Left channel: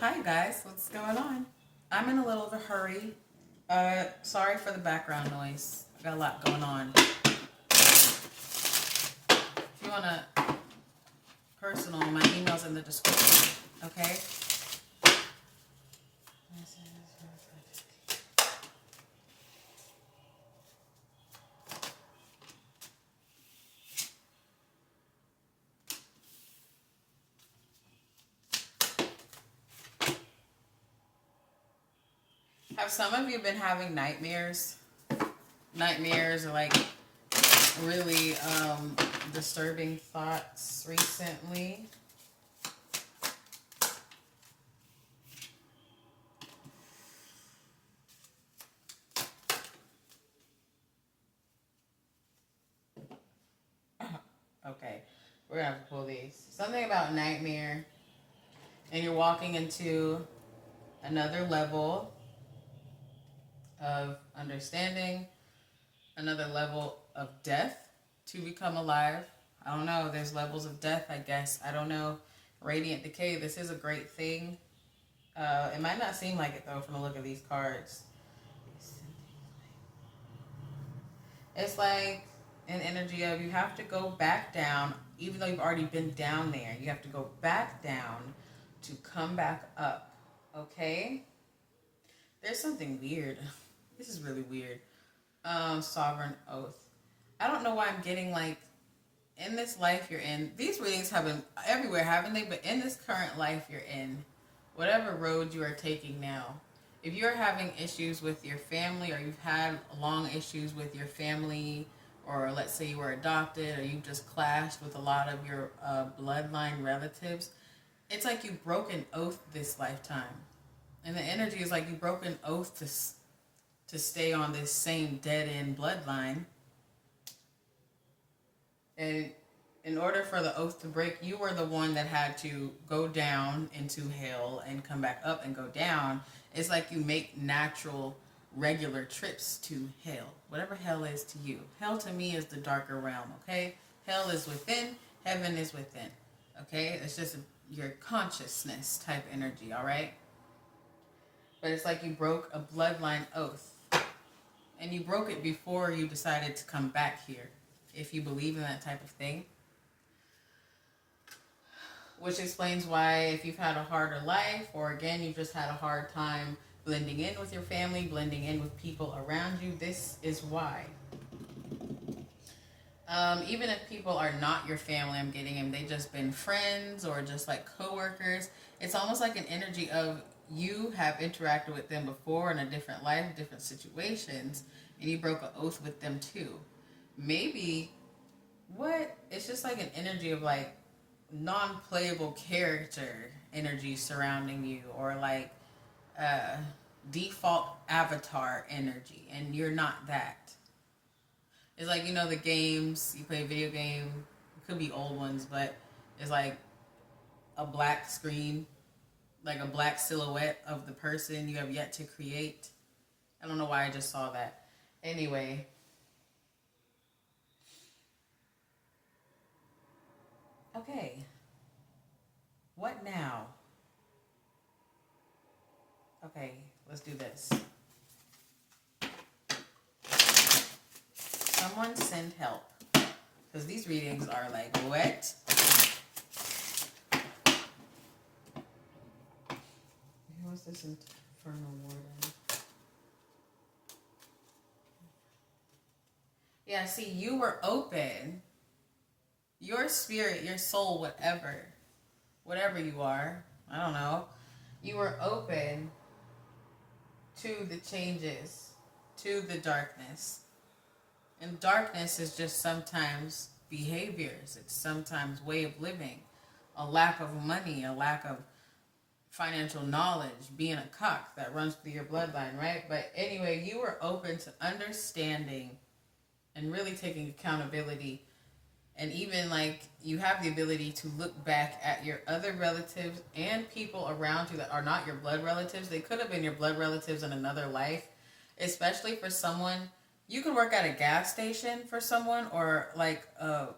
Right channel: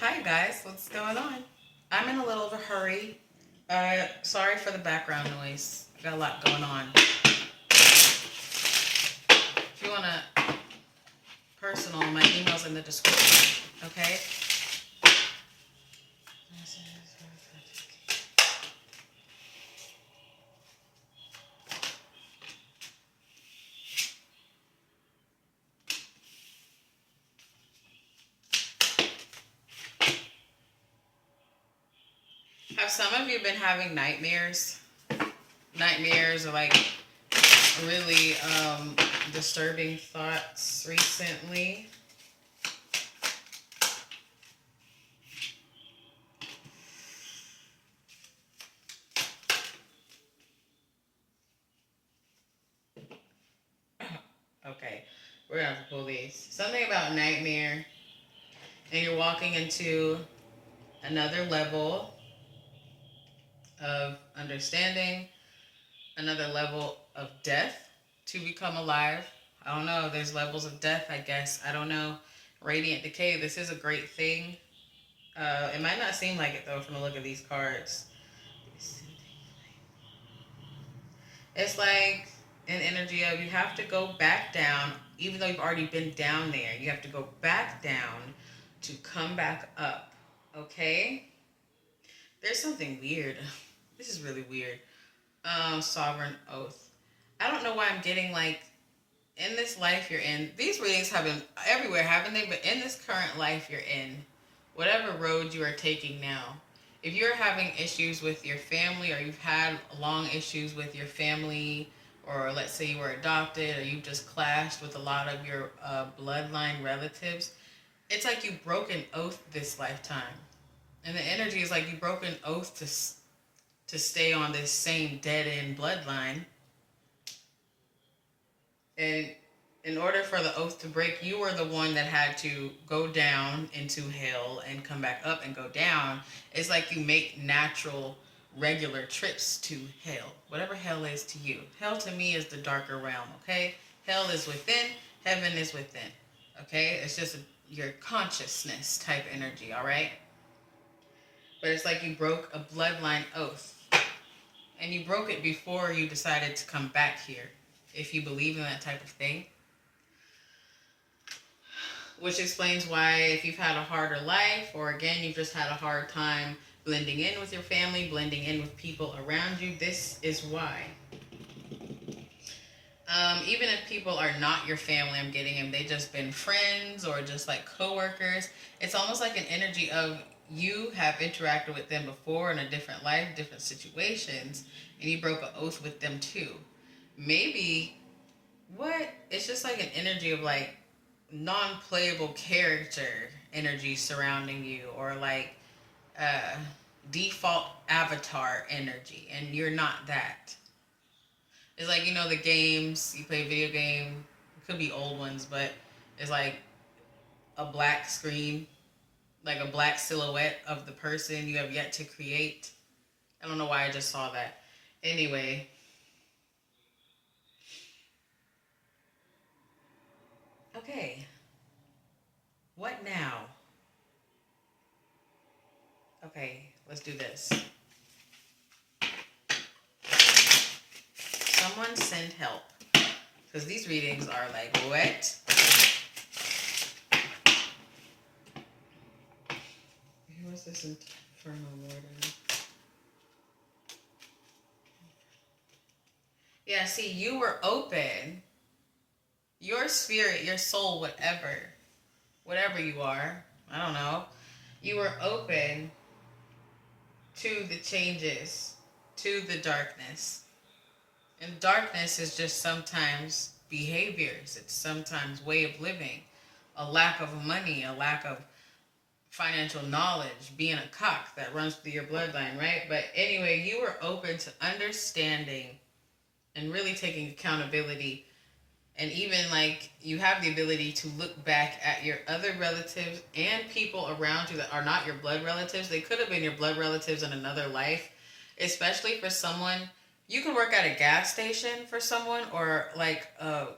Hi guys, what's going on? I'm in a little of a hurry. Sorry for the background noise. I got a lot going on. If you wanna personal, my email's in the description. Okay. Have some of you been having nightmares? Nightmares or like really disturbing thoughts recently? Okay, we're gonna have to pull these. Something about nightmare, and you're walking into another level of understanding, another level of death to become alive. I don't know. There's levels of death, I guess. I don't know. Radiant decay. This is a great thing. It might not seem like it though from the look of these cards. It's like an energy of you have to go back down, even though you've already been down there. You have to go back down to come back up. Okay? There's something weird. This is really weird. Sovereign oath. I don't know why I'm getting like in this life you're in. These readings have been everywhere, haven't they? But in this current life you're in, whatever road you are taking now, if you're having issues with your family or you've had long issues with your family, or let's say you were adopted or you just clashed with a lot of your bloodline relatives, it's like you broke an oath this lifetime. And the energy is like you broke an oath to stay on this same dead end bloodline. And in order for the oath to break, you were the one that had to go down into hell and come back up and go down. It's like you make natural, regular trips to hell. Whatever hell is to you. Hell to me is the darker realm, okay? Hell is within, heaven is within, okay? It's just your consciousness type energy, all right? But it's like you broke a bloodline oath. And you broke it before you decided to come back here, if you believe in that type of thing. Which explains why if you've had a harder life, or again, you've just had a hard time blending in with your family, blending in with people around you, this is why. Even if people are not your family, I'm getting them, they just been friends or just like coworkers. It's almost like an energy of you have interacted with them before in a different life, different situations, and you broke an oath with them too. Maybe it's just like an energy of like non-playable character energy surrounding you, or like uh, default avatar energy, and you're not that. It's like, the games you play, video game, it could be old ones, but it's like a black screen, like a black silhouette of the person you have yet to create. I don't know why I just saw that. Anyway, okay, what now? Okay, let's do this. Someone send help, because these readings are like, what? What's this infernal warden? Yeah, see, you were open. Your spirit, your soul, whatever you are, I don't know. You were open to the changes, to the darkness. And darkness is just sometimes behaviors. It's sometimes way of living. A lack of money, a lack of financial knowledge, being a cock that runs through your bloodline, right? But anyway, you were open to understanding and really taking accountability. And even like you have the ability to look back at your other relatives and people around you that are not your blood relatives. They could have been your blood relatives in another life, especially for someone. You could work at a gas station for someone, or like a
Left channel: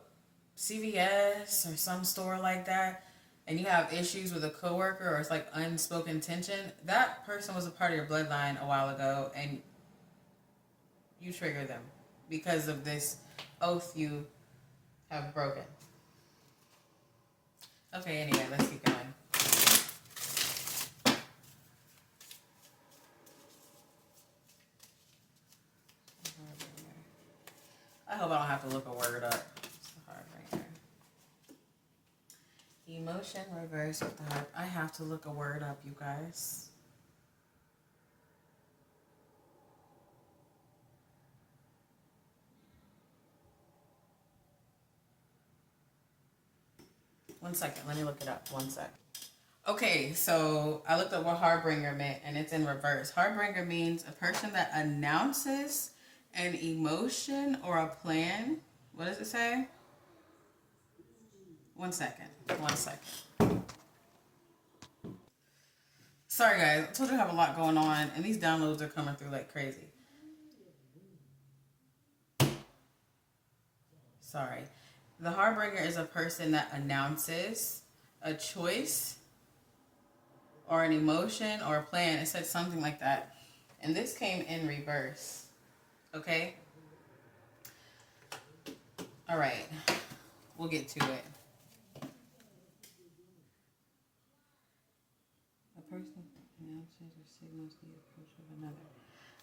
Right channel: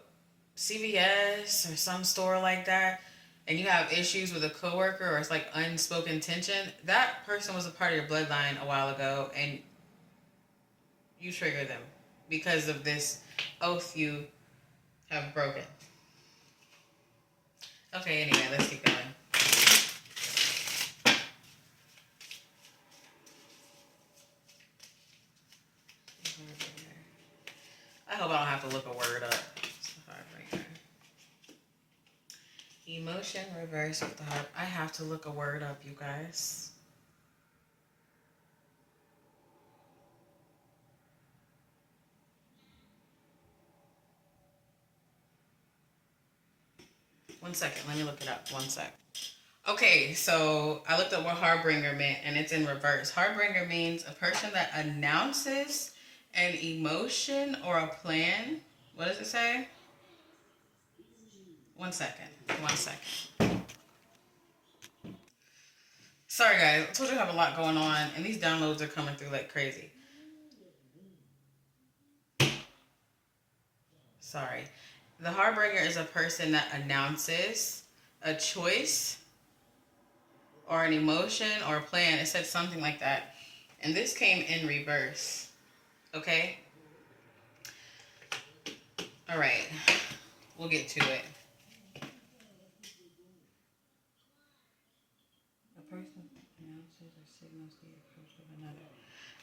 CVS or some store like that. and you have issues with a coworker or it's like unspoken tension, that person was a part of your bloodline a while ago and you trigger them because of this oath you have broken. Okay, anyway, let's keep going. I hope I don't have to look a word up. It's the Heartbreaker. Emotion reverse of the heart. I have to look a word up, you guys. One second. Let me look it up. One sec. Okay, so I looked up what Heartbringer meant, and it's in reverse. Heartbringer means a person that announces an emotion or a plan. What does it say? One second. One second. Sorry, guys. I told you I have a lot going on, and these downloads are coming through like crazy. Sorry. The Heartbringer is a person that announces a choice or an emotion or a plan. It said something like that. And this came in reverse. Okay? All right. We'll get to it. A person announces or signals the approach of another.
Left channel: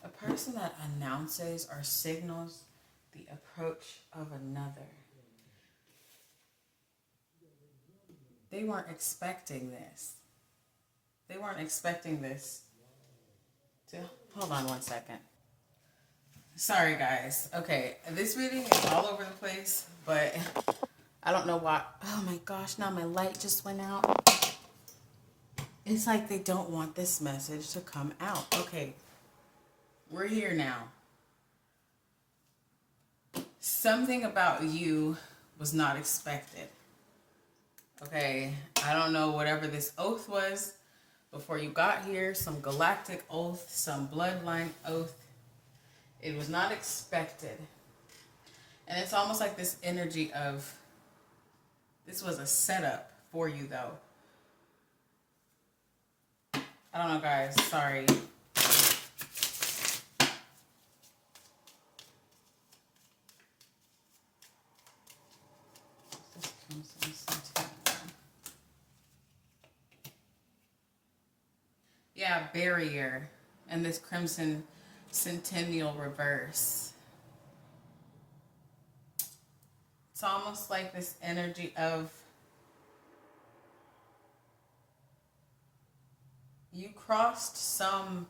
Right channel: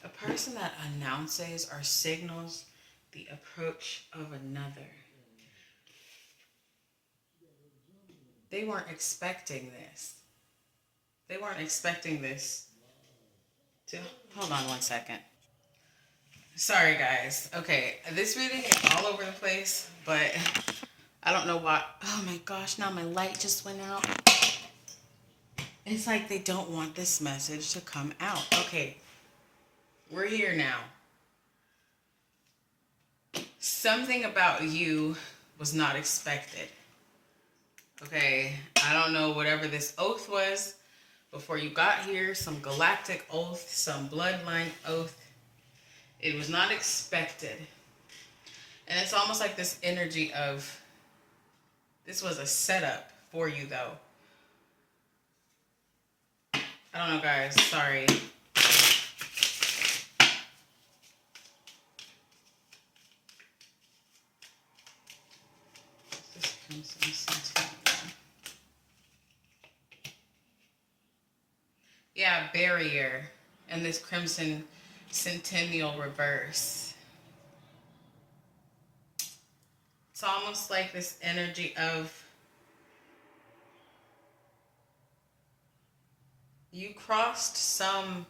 A person that announces or signals the approach of another. They weren't expecting this. They weren't expecting this to... Hold on one second. Sorry, guys. Okay, this reading is all over the place, but I don't know why. Oh my gosh, now my light just went out. It's like they don't want this message to come out. Okay, we're here now. Something about you was not expected. Okay, I don't know whatever this oath was before you got here, some galactic oath, some bloodline oath. It was not expected. And it's almost like this energy of, this was a setup for you though. I don't know, guys, sorry. Yeah, barrier and this crimson centennial reverse. It's almost like this energy of you crossed some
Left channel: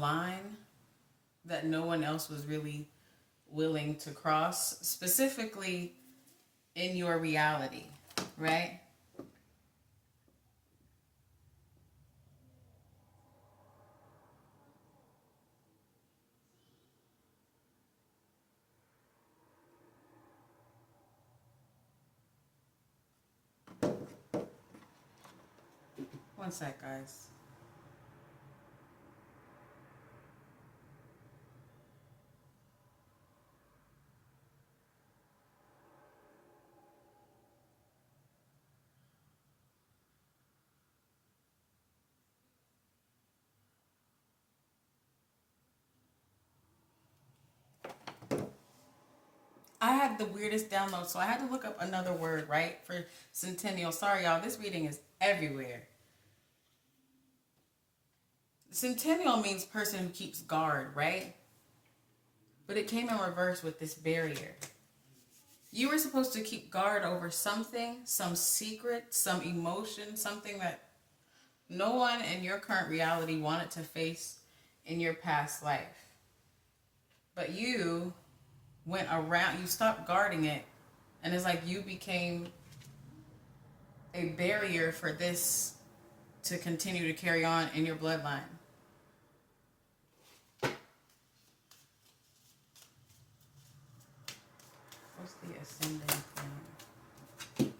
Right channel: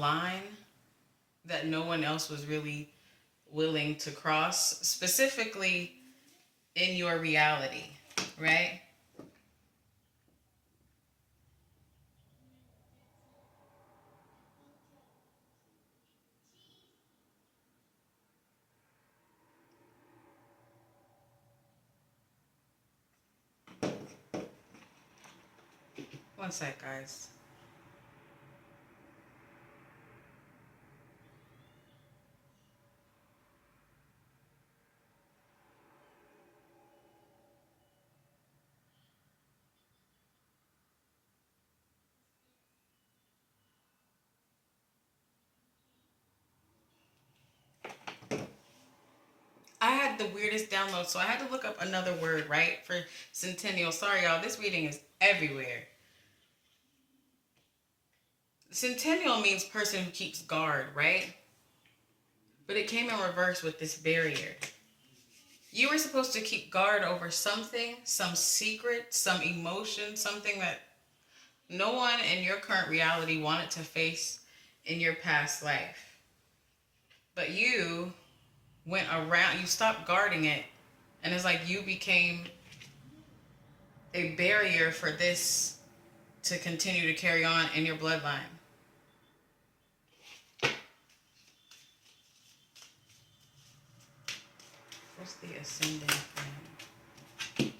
line that no one else was really willing to cross, specifically in your reality, right? One sec, guys. I had the weirdest download, so I had to look up another word, right, for centennial. Sorry, y'all. This reading is everywhere. Centennial means person who keeps guard, right? But it came in reverse with this barrier. You were supposed to keep guard over something, some secret, some emotion, something that no one in your current reality wanted to face in your past life. But you went around, you stopped guarding it, and it's like you became a barrier for this to continue to carry on in your bloodline. What's the ascending thing?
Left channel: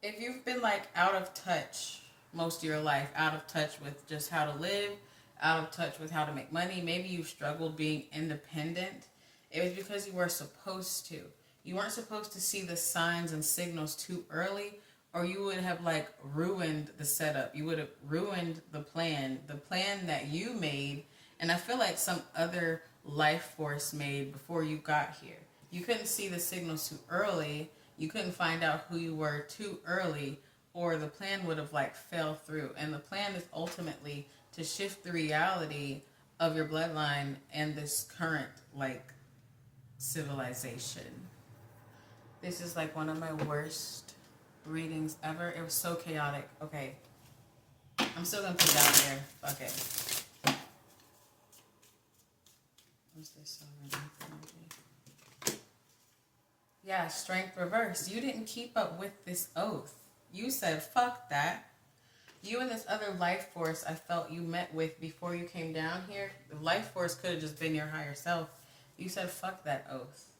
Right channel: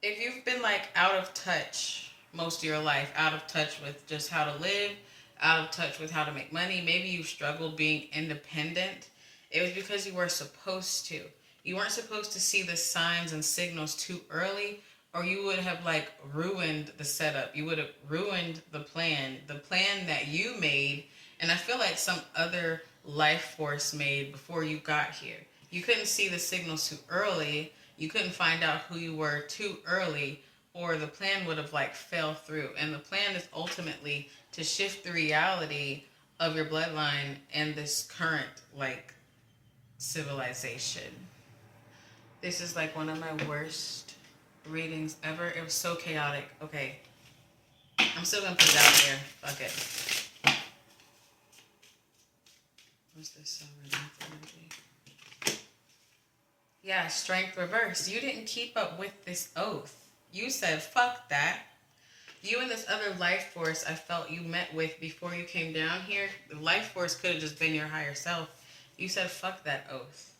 If you've been like out of touch most of your life, out of touch with just how to live, out of touch with how to make money. Maybe you struggled being independent. It was because you were supposed to. You weren't supposed to see the signs and signals too early, or you would have like ruined the setup. You would have ruined the plan that you made, and I feel like some other life force made before you got here. You couldn't see the signals too early. You couldn't find out who you were too early, or the plan would have like fell through. And the plan is ultimately to shift the reality of your bloodline and this current like civilization. This is like one of my worst readings ever. It was so chaotic. Okay. I'm still gonna put it out here. Fuck it. What's this energy? Yeah, strength reverse. You didn't keep up with this oath. You said, fuck that. You and this other life force I felt you met with before you came down here, the life force could have just been your higher self. You said, fuck that oath.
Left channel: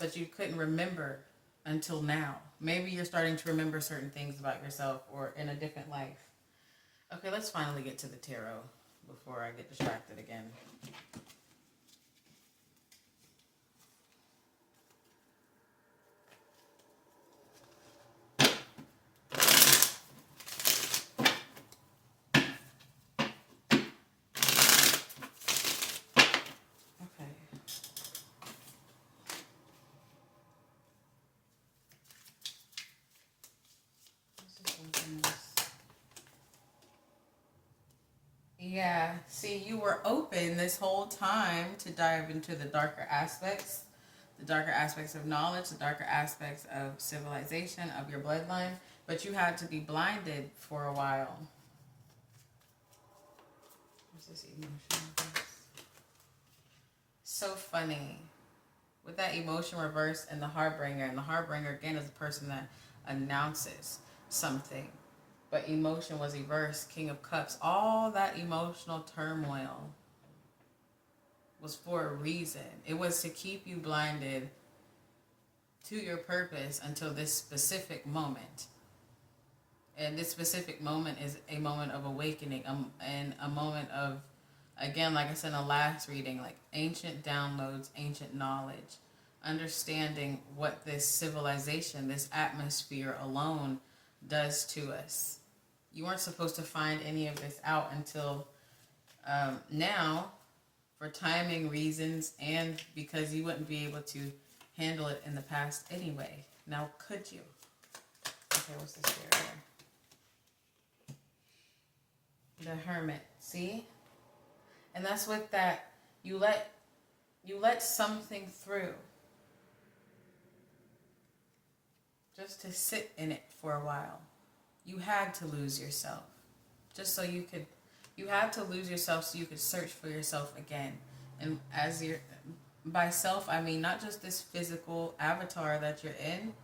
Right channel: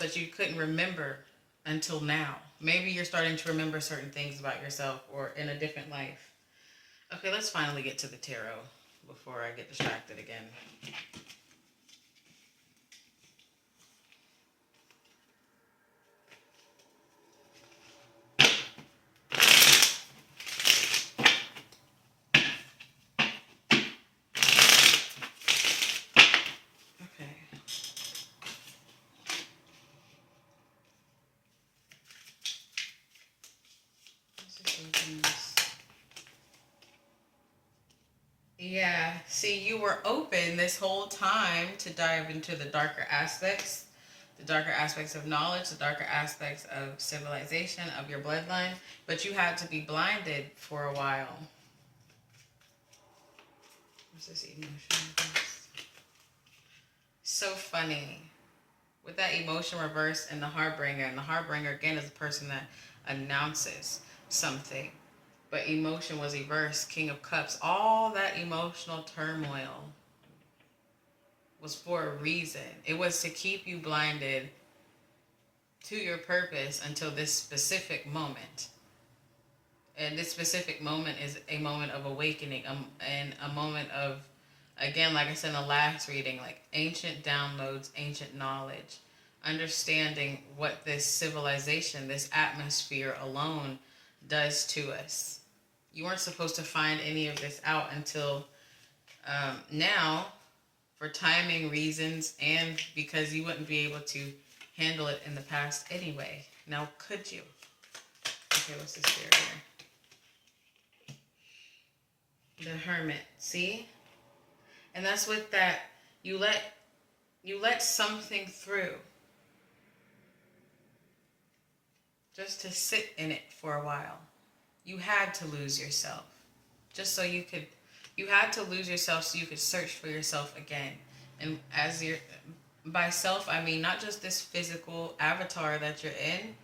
But you couldn't remember until now. Maybe you're starting to remember certain things about yourself or in a different life. Okay, let's finally get to the tarot before I get distracted again. Yeah, see, you were open this whole time to dive into the darker aspects of knowledge, the darker aspects of civilization, of your bloodline, but you had to be blinded for a while. What's this emotion reverse? So funny. With that emotion reverse and the Heartbringer again is a person that announces something. But emotion was reversed, King of Cups. All that emotional turmoil was for a reason. It was to keep you blinded to your purpose until this specific moment. And this specific moment is a moment of awakening, and a moment of, again, like I said in the last reading, like ancient downloads, ancient knowledge, understanding what this civilization, this atmosphere alone does to us. You weren't supposed to find any of this out until now, for timing reasons and because you wouldn't be able to handle it in the past anyway. Now, could you? Okay, what's this barrier? The Hermit. See? And that's with that, you let something through just to sit in it for a while. You had to lose yourself just so you had to lose yourself so you could search for yourself again. And by self, I mean not just this physical avatar that you're in,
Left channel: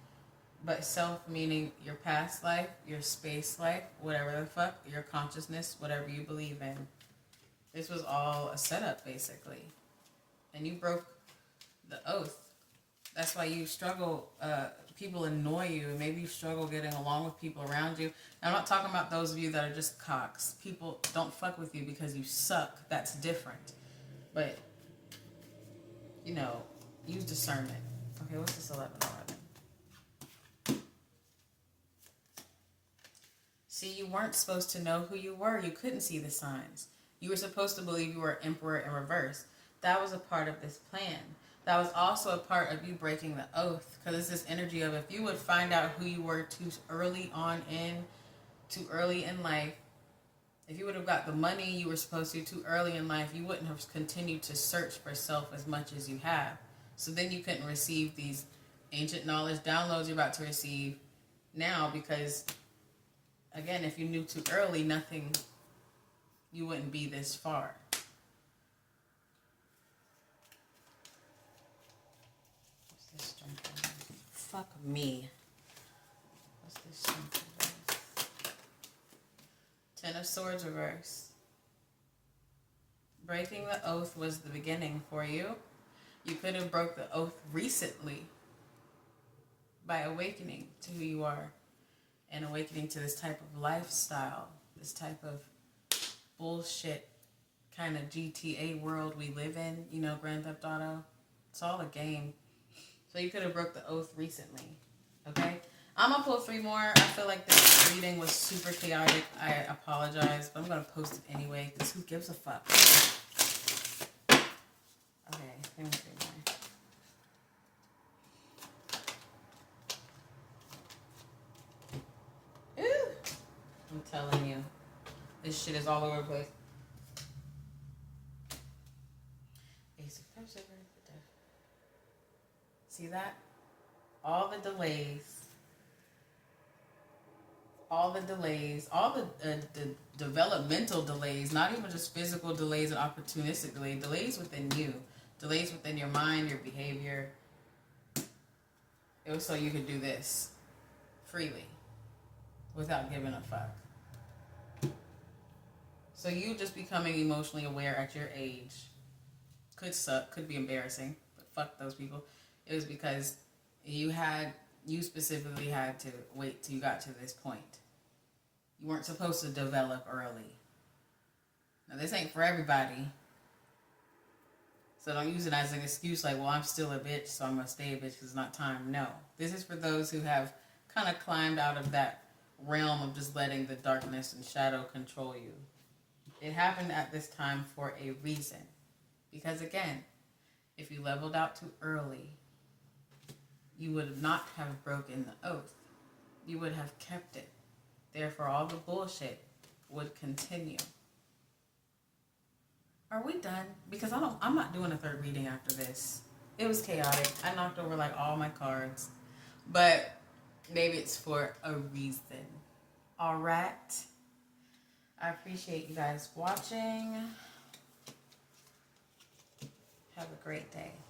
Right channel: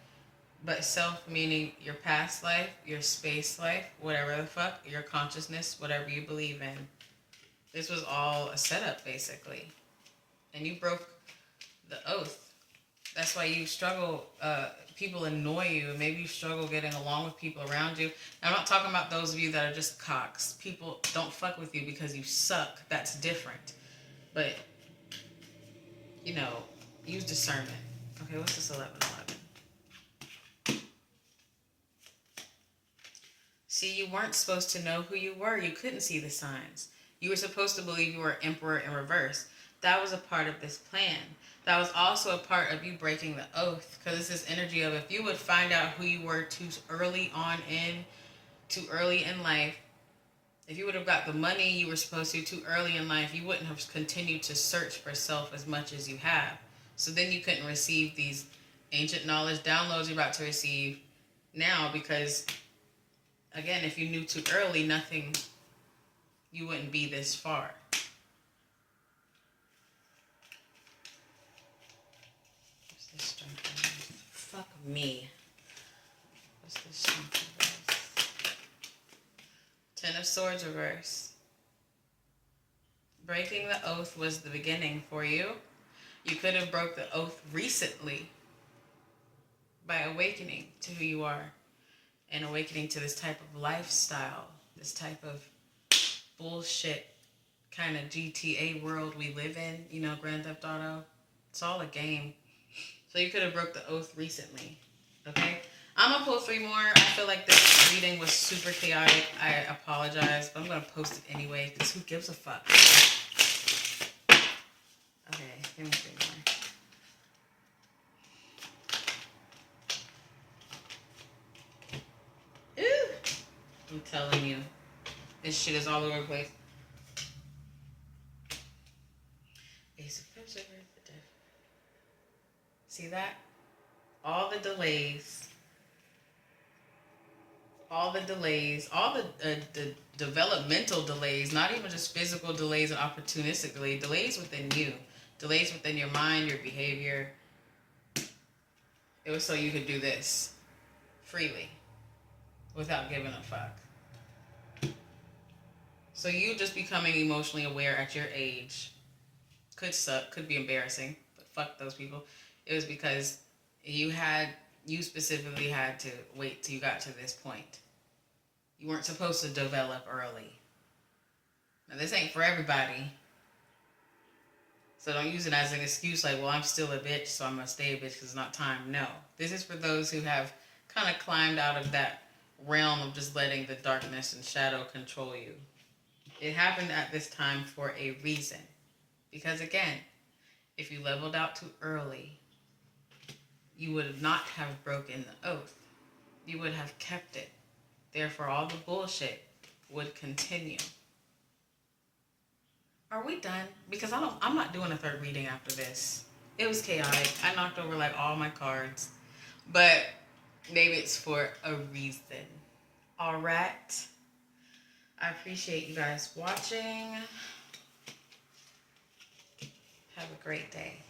but self meaning your past life, your space life, whatever the fuck, your consciousness, whatever you believe in. This was all a setup, basically. And you broke the oath. That's why you struggle. People annoy you, and maybe you struggle getting along with people around you. Now, I'm not talking about those of you that are just cocks. People don't fuck with you because you suck. That's different. But, use discernment. Okay, what's this 11:11? See, you weren't supposed to know who you were. You couldn't see the signs. You were supposed to believe you were Emperor in reverse. That was a part of this plan. That was also a part of you breaking the oath, because it's this energy of if you would find out who you were too early in life, if you would have got the money you were supposed to too early in life, you wouldn't have continued to search for self as much as you have. So then you couldn't receive these ancient knowledge downloads you're about to receive now, because, again, if you knew too early, you wouldn't be this far. Fuck me. What's this strength reverse? Ten of Swords reverse. Breaking the oath was the beginning for you. You could have broke the oath recently by awakening to who you are. and awakening to this type of lifestyle, this type of bullshit kind of GTA world we live in, you know, Grand Theft Auto. It's all a game. So you could have broke the oath recently, okay? I'm going to pull 3 more. I feel like this reading was super chaotic. I apologize, but I'm going to post it anyway because who gives a fuck? Okay, give me 3 more. Ooh! I'm telling you, this shit is all over the place. Ace of Cups over the death. See that? All the delays, all the developmental delays, not even just physical delays and opportunistic delays within you, delays within your mind, your behavior. It was so you could do this freely without giving a fuck. So you just becoming emotionally aware at your age could suck, could be embarrassing, but fuck those people. It was because you specifically had to wait till you got to this point. You weren't supposed to develop early. Now, this ain't for everybody. So don't use it as an excuse like, well, I'm still a bitch, so I'm going to stay a bitch because it's not time. No. This is for those who have kind of climbed out of that realm of just letting the darkness and shadow control you. It happened at this time for a reason. Because, again, if you leveled out too early, you would not have broken the oath. You would have kept it. Therefore, all the bullshit would continue. Are we done? Because I'm not doing a 3rd reading after this. It was chaotic. I knocked over like all my cards. But maybe it's for a reason. All right. I appreciate you guys watching. Have a great day.